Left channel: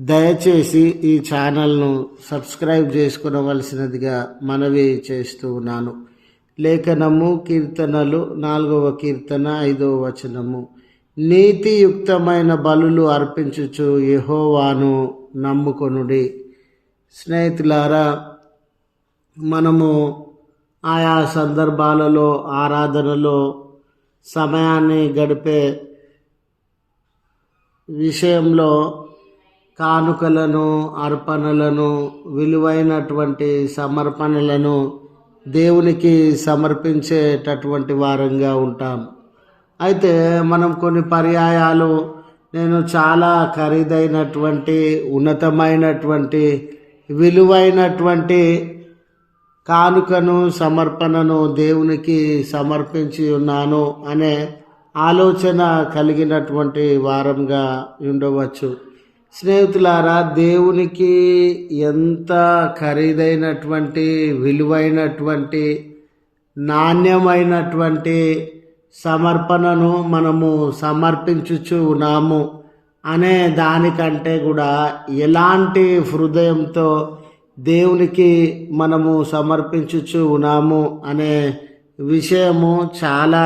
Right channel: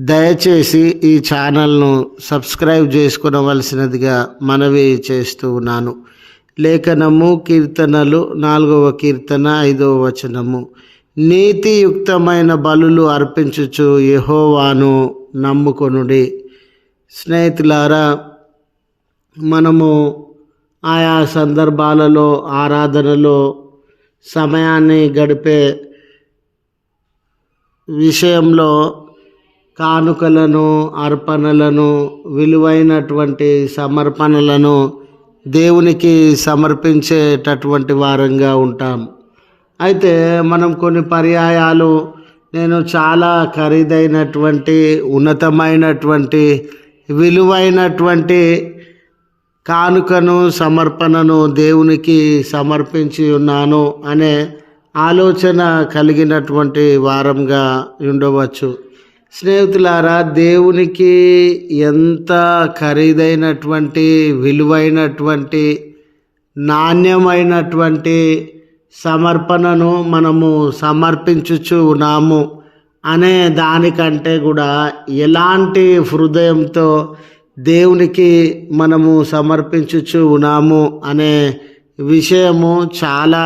దయచేసి ఈ ఛానల్ను సబ్స్క్రైబ్ చేసుకునవలసినదిగా మనవి చేస్తూ ఉన్నాను. లేఖనము కీర్తనలు నాలుగవ కీర్తన ఐదవ వచనము. నీతియుక్తమైన బలులు అర్పించుచు యహోవాను నమ్ముకొనుడి. స్నేహితులారా మనము ఆయా సందర్భాలలో ఆరాధనలో సమయాన్ని గడిపే విషయంలో కానుకలను అర్పణలను విలువైనటువంటి సమర్పణలను దేవునికి సమర్పించేటటువంటి వారంగా ఉంటాం. అయితే మనం కొన్ని పర్యాయాలు నేను చాలా ఖరీదైనటువంటి ఉన్నతమైనటువంటి విలువైనటువంటి కానుకను సమర్పణను దేవునికి సమర్పించి ఉన్నాను అనే ఆలోచన కలిగినటువంటి వారంగా ఉండవచ్చు. స్నేహితులారా దేవునికి ఎంత ఖరీదైనటువంటి విలువైనటువంటి నాణ్యమైనటువంటి సమర్పణను మనము సమర్పించుచు ఉన్నాము అనే దానికంటే కూడా ఎలాంటి హృదయంతో దేవునికి మనము సమర్పించుచు ఉన్నాము అనే విషయము చాలా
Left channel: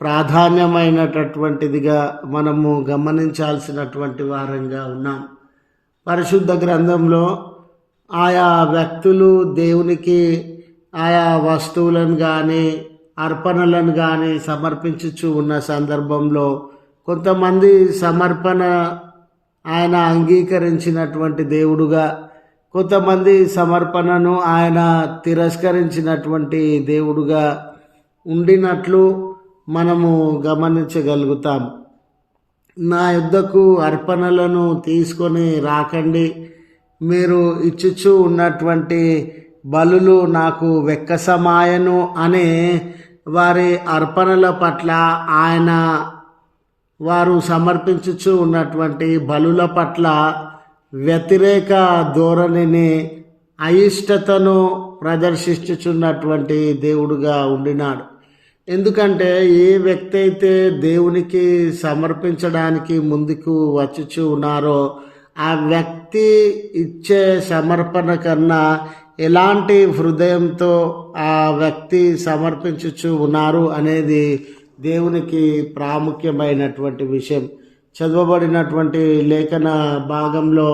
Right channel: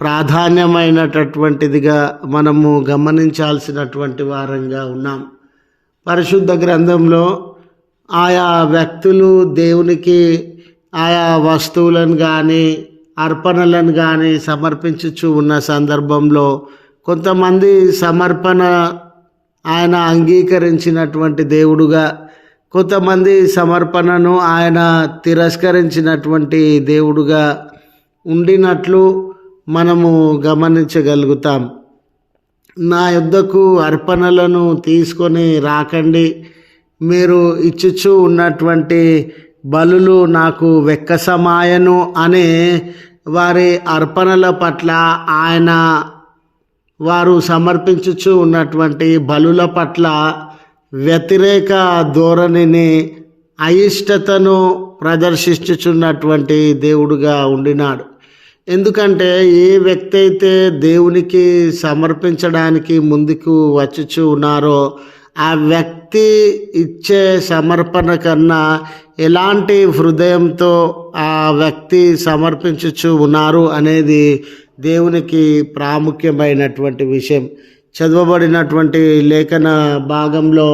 ప్రాధాన్యమైనటటువంటిదిగా మనము గమనించాల్సినటువంటి వారంగా ఉన్నాం. పరిశుద్ధ గ్రంథంలో ఆయా వ్యక్తులు దేవునికి ఆయా వస్తువులను కానీ అర్పణలను కానీ సమర్పించుచు ఉన్న సందర్భంలో కొంతమంది సమర్పణ ఆయన అంగీకరించినటువంటి దేవుడుగా కొంతమంది సమర్పణను ఆయన తిరస్కరించినటువంటి దేవుడుగా ఉండినట్లు మనము గమనించగలుగుతాం. నా యుద్ధకు అర్పణలను తీసుకొని రాకండి. మీరు ఇచ్చుచు ఉన్నటువంటి బలులు నాకు వెక్కసమాయను అనే వారి అర్పణల పట్ల ఆయన వారు సమర్పించుచు ఉన్నటువంటి బలుల పట్ల వ్యతిరేక ధోరణిని అయిష్టతను ప్రదర్శించుచున్నటువంటి దేవుడుగా ఉండినాడు. ఎందుకంటే ఏ వ్యక్తి అయితే దేవునికి సమర్పించడానికి ముందుకు వచ్చుచు ఉన్నారో ఆ వ్యక్తి ఇచ్చే సమర్పణ కన్నా ఎలాంటి హృదయంతో ఆ వ్యక్తి సమర్పించుచు ఉన్నారు అనేది దేవునికి ప్రాముఖ్యమైనటువంటి విషయం. చదవబడినటువంటి లేఖన భాగంలో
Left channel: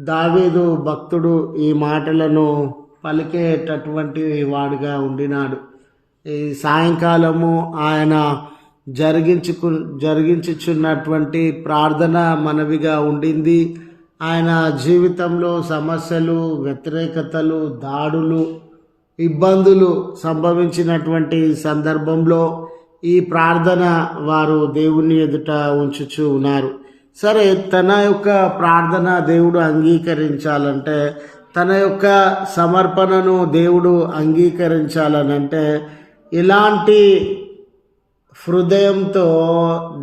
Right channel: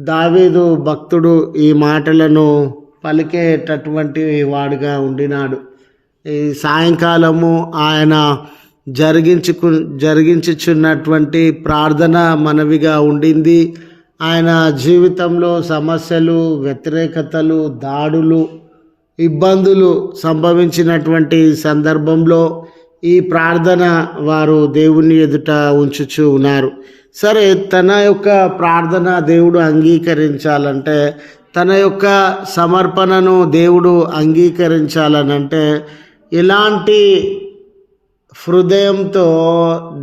దావీదు భక్తుడు ఈ మాటలను పలికేటటువంటి వాడుగా ఉండినాడు. సాయంకాలము ఆయన జరిగించుకు జరిగించుచున్నటువంటి ప్రార్థన మనవిగా ఉండింది. ఆయన జీవితంలో సమస్యలు వ్యతిరేకతలు దాడులు ఇబ్బందులు సంభవించినటువంటి సందర్భంలో ఈ ప్రార్థన వారు దేవుని ఎదుట ఉంచుచు ఉన్నారు. సరే తన యొక్క ప్రార్థన దేవుడు అంగీకరించాలంటే తన యొక్క సమర్పణను దేవుడు అంగీకరించాలనంటే ఎలాంటి హృదయంతో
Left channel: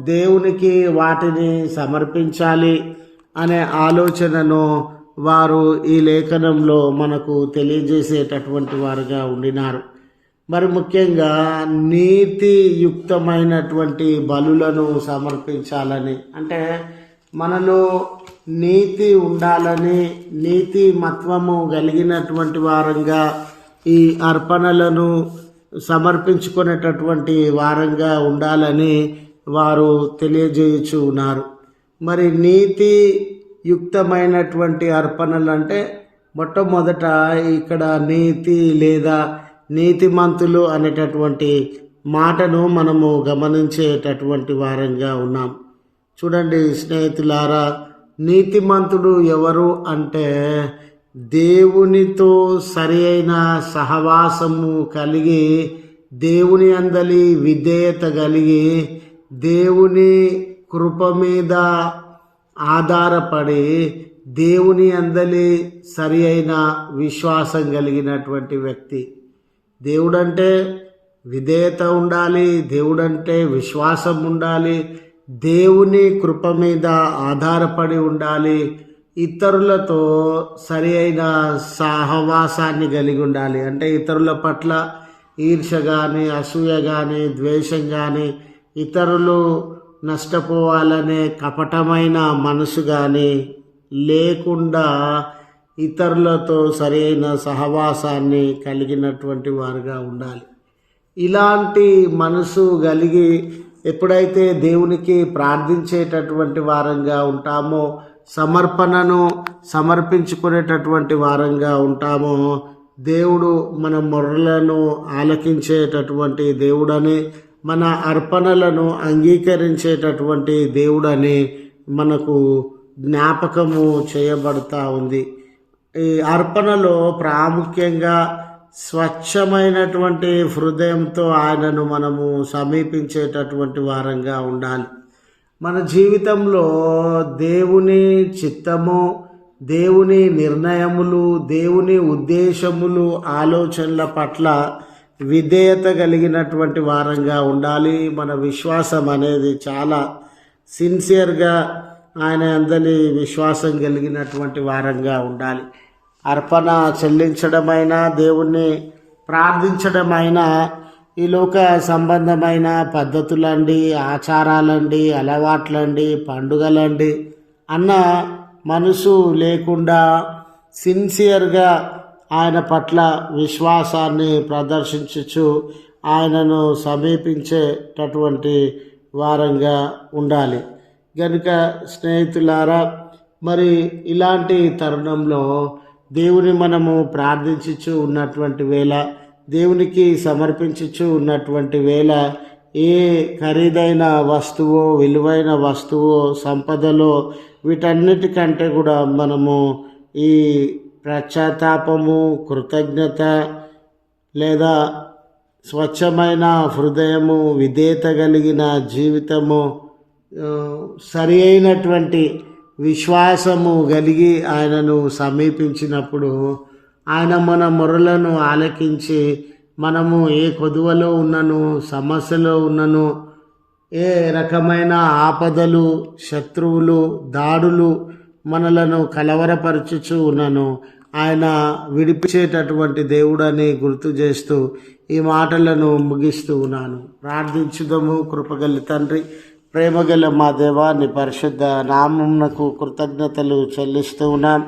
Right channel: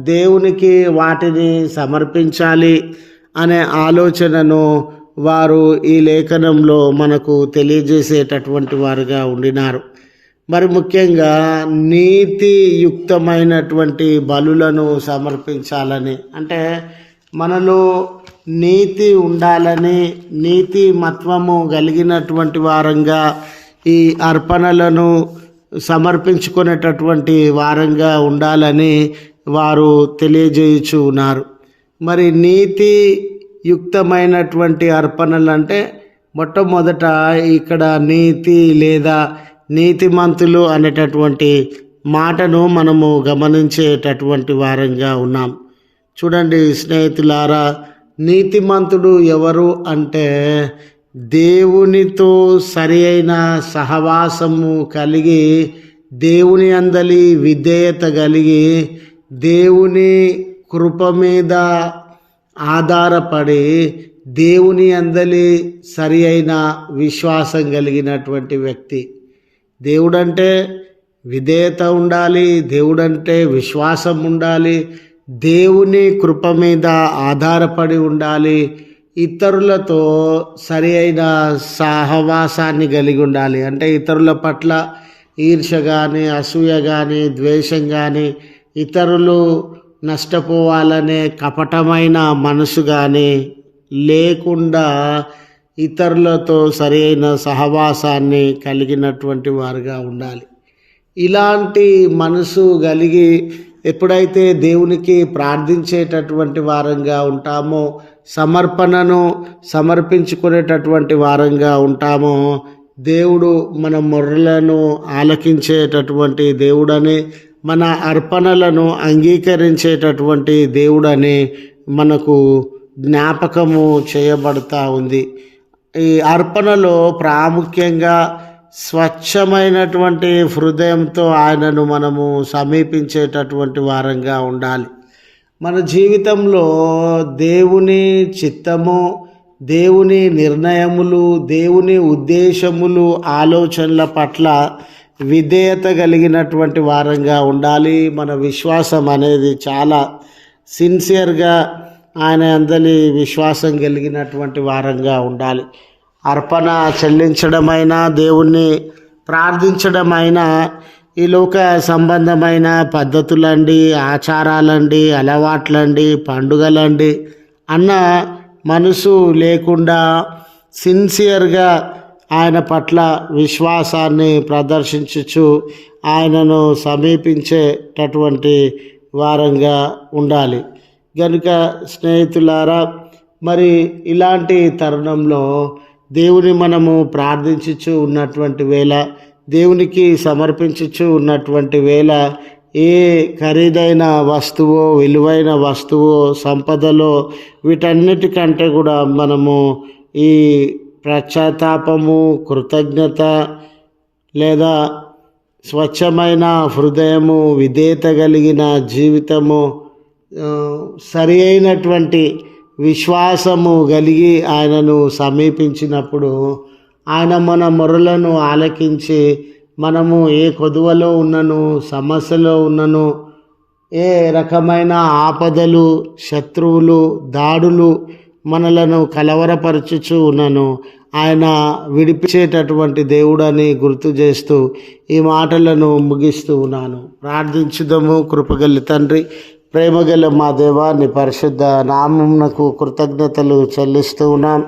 దేవునికి వాటిని సమర్పించాలి అనే ఆలోచనను వారు ఈ లేఖనంలో మనకు తెలియజేసేటటువంటి వారుగా ఉండినారు. మరి ముఖ్యంగా నీతియుక్తమైనటువంటి బలులను సమర్పించాలని అంటే మనలో నీతి ఉండాలని నీతి మత్వము కలిగినటువంటి వారంగా ఈ అర్పణలను సమర్పించుకునేటటువంటి వారంగా ఉండాలని వారు తెలియజేయుచు ఉన్నారు మరి నీతి యుక్తమైనటువంటి అర్పణలు అంటే మొట్టమొదట ఇక్కడ నీతి లేదా నీతిమంతులు అనేటటువంటి మాటను మనము గమనించేటటువంటి వారంగా ఉన్నాం. చూడండి స్నేహితులారా నీతిమంతుడు ఎవరు అంటే దేవునితో సరి అయిన సహవాసము కలిగి దేవుని అందలి విధేయత కలిగి దేవుని కృప మీద ఆధారపడి దేవుని అందలి సరి అయిన విశ్వాసం కలిగినటువంటి వ్యక్తి. దేవుడంటే విధేయత ఉండాలి దేవుడంటే విశ్వాసం ఉండాలి దేవుని కృప మీద ఆధారపడి ఉండాలి ఇతరులతో సరి అయిన సహవాసాన్ని కలిగి ఉండాలి. అంటే ఇతరుల పట్ల ఈర్ష కానీ అసూయ కానీ ద్వేషం కానీ ఇతరులు నష్టపోవాలనే కపటమైన మనసు కానీ లేకుండా ఇతరులతో సరైన సహవాసాన్ని కలిగినటువంటి వారుగా ఉండాలి. ఇలాంటి మనసు కలిగి ఎప్పుడైతే దేవునికి ప్రార్థించేటటువంటి వారంగా ఉంటామో సమర్పణను సమర్పించుకునేటటువంటి వారంగా ఉంటామో. దేవుడు మన మొర్రలను ఆలకించేటటువంటి దేవుడని మన అర్పణలను అంగీకరించేటటువంటి దేవుడని మనకు జ్ఞాపకము చేయబడతా ఉంది. ఈ అర్పణలో ప్రాముఖ్యంగా స్వచ్ఛమైనటువంటి హృదయంతో ఆయనను మనము సమీపించేటటువంటి వారంగా ఉండాలి. మన జీవితంలో దేవుని చిత్తము దేవుని నిర్ణయములు దేవుని ఉద్దేశములు ఆలోచనల పట్ల విధేయత కలిగినటువంటి వారంగా ఉండాలి. మన విశ్వాసం అనేది చాలా సిన్సియర్గా ఆయన అందరి విశ్వాసం కలిగినటువంటి వారంగా ఉండాలి. అర్పణ చెల్లించడమైనా దేవుణ్ణి ప్రార్థించడమైనా ఈ లోక సంబంధమైన పద్ధతులండి ఆచారాలండి అలవాట్లండి పండుగలండి. అన్న మనసు లేకుండా సిన్సియర్గా ఆయన పట్ల విశ్వాసాన్ని ప్రదర్శించచ్చు ఆయనను సమీపించేటటువంటి వారంగా ఉండాలి. కనుక స్నేహితులారా మరి ఇలాంటి తరుణంలో దేవుని మనము ప్రార్థించుచు ఉన్నటువంటి వేళ దేవునికి సమర్పించుచు ఉన్నటువంటి వేళ ఏ ఖరీదైన వస్తువో విలువైన వస్తువో సంపదలో వీటన్నిటికంటే కూడా మనము ఈ పశ్చాత్తాపము కృతజ్ఞత లేదా స్వచ్ఛమైన హృదయము విధేయత కలిగిన జీవితము సరి అయినటువంటి విశ్వాసము కలిగి ఆయనను సమీపించినప్పుడు ఆయన మన మొరలను ఆలకించి మనము ఏ కొదువలో ఉన్నను సమస్యలో ఉన్నను ఏ రకమైన ఆపదలు శత్రువులు దాడులు మనలను కలవరపరచుచు ఉన్నను. ఆయన విడిపించేటటువంటి దేవుడని గుర్తు చేస్తూ ఈ మాటలను ముగిస్తూ ఉన్నాను. ప్రార్థించుదము కృపగల్లి తండ్రి. ప్రేమగల మా దేవాన్ని పరిశుద్ధ నామమునకు కృతజ్ఞతలు చెల్లిస్తూ ఉన్నాం.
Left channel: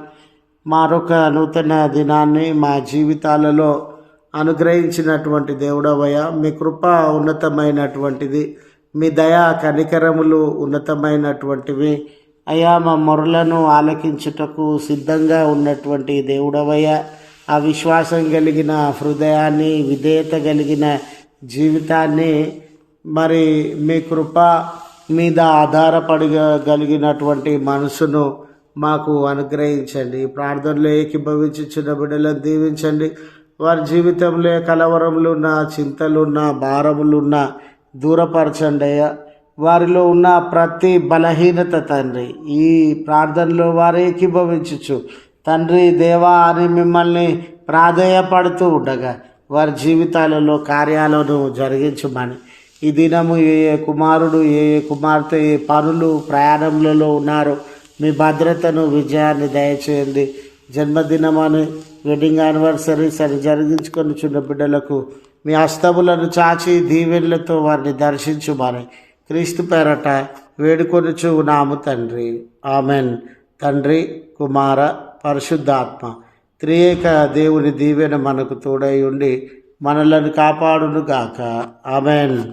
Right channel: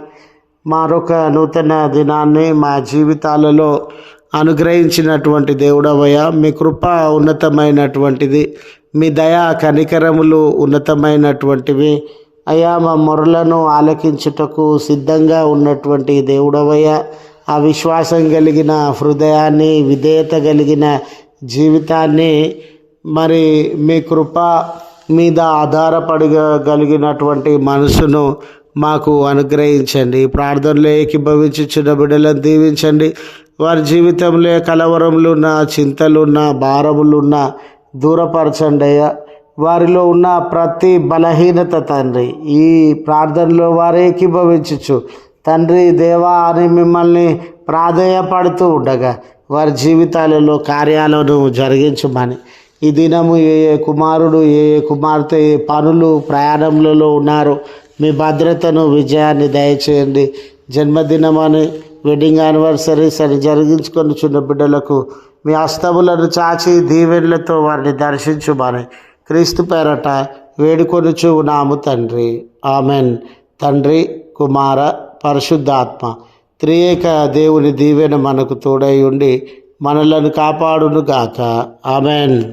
మరొక నూతన దినాన్ని మా జీవితాలలో అనుగ్రహించినటువంటి దేవుడవయ్య. మీ కృప ఉన్నతమైనటువంటిది. మీ దయ కనికరములు ఉన్నతమైనటువంటివి. అయ్యా మా మొరలను ఆలకించుటకు సిద్ధంగా ఉన్నటువంటి దేవుడవయ్య. ఆ విశ్వాసం కలిగిన హృదయాన్ని విధేయత కలిగిన జీవితాన్ని మరి మీ కృప మీద ఆధారపడగలిగినటువంటి మనసును మాకు అనుగ్రహించండి. ప్రార్థనలో ఏకీభవించిన బిడ్డలను దీవించండి. వారి జీవితంలో కలవరములున్న చింతలున్న భారములున్న దూరపరచండి అయ్యా. వారిలో ఉన్న ప్రతి బలహీనత తండ్రి ఈ ప్రార్థనలో వారు ఏకీభవించచ్చు తండ్రి దేవా అని మిమ్మల్ని ప్రాధేయపడుతూ ఉండగా వారి జీవితాలలో కార్యాలను జరిగించమని. ఈ దినము ఏ ఏ కుమారుడు ఏ ఏ కుమార్తె ఏ పనులు ప్రయాణములలో ఉన్నారో మీ భద్రతను విజయాన్ని దయచేయండి. జన్మదినమని వెడ్డింగ్ యానివర్సరీస్ అని జరిగించుకొని చిన్న బిడ్డలకు మీ అస్తములను చాచి దీవెన్లతో వారిని దర్శించుమని క్రీస్తు పేరట వేడుకొనుచు చూనాము తండ్రి. ఆమెన్. తండ్రి కుమార పరిశుద్ధాత్మ త్రియేక దేవుని దీవెన మనకు తోడై ఉండి మనలను కాపాడును గాక ఆమెన్.